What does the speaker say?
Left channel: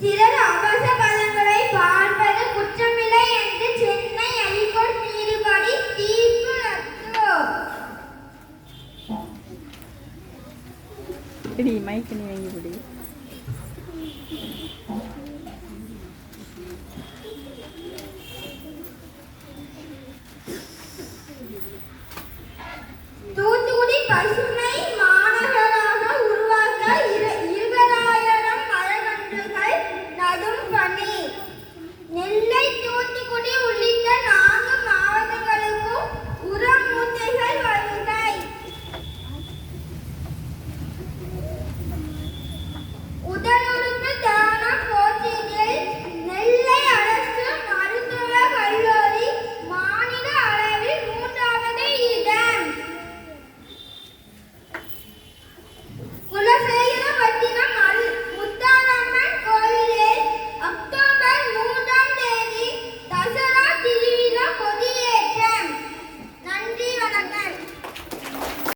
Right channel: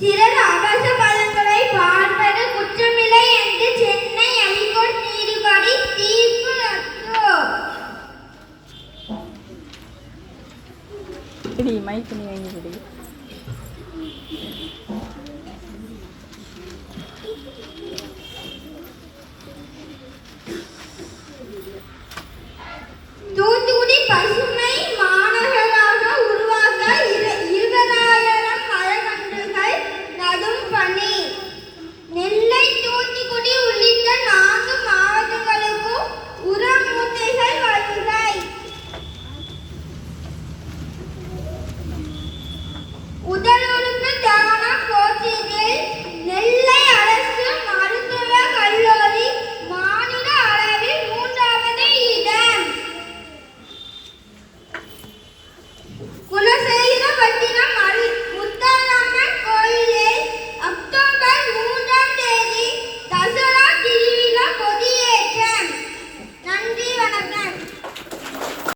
சிலர் அவச பதங்களை பார்ப்பது குற்றமில்லை என்று சென்னை அலிகோட் நீதிபதி தீர்ப்பு நட்டோ நீ வாங்கி